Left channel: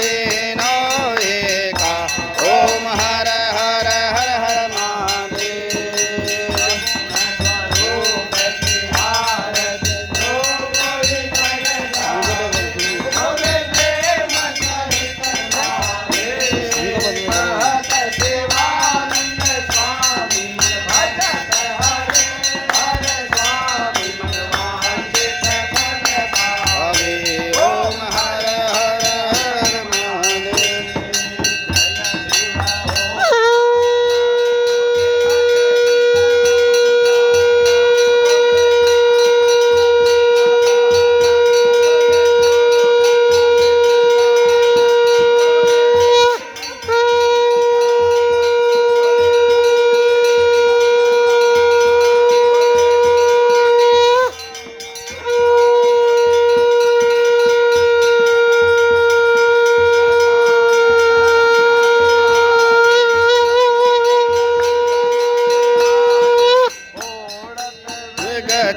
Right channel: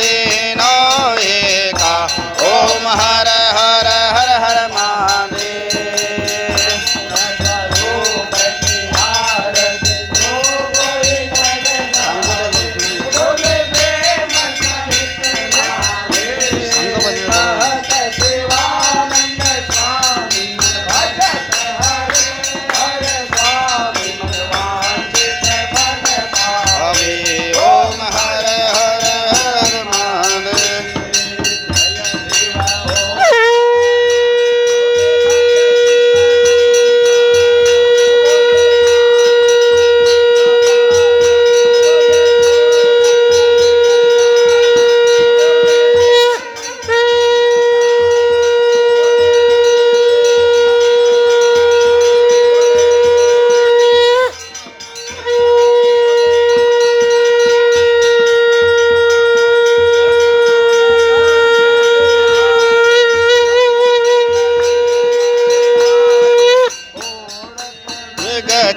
तीन एका ओम हर हर हर हर महादेव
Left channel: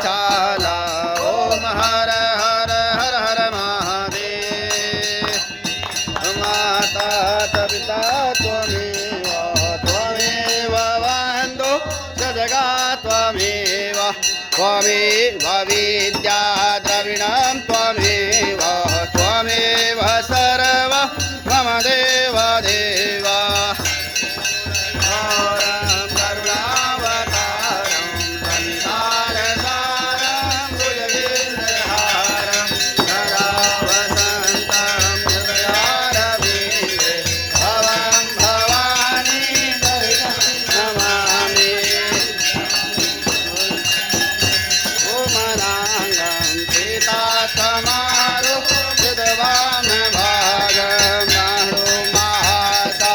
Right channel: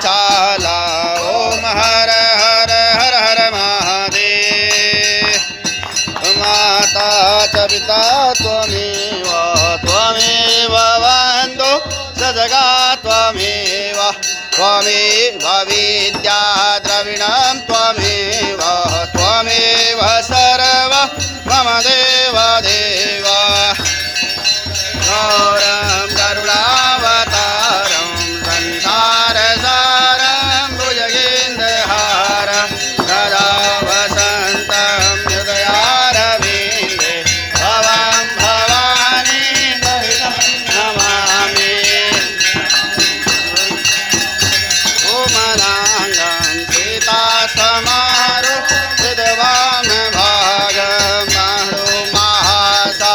चाला ओम हर हर हर हर महादेव माता च पिता त्वमेव त्वमेव वन्दो स जगा त्वमेव त्वमेव विद्या द्रविणं त्वमेव त्वमेव सर्व मम देव देव समारो विद्वान भाग मारो महासा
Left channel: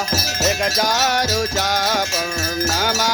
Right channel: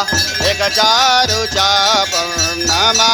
एक चारु चापम नमा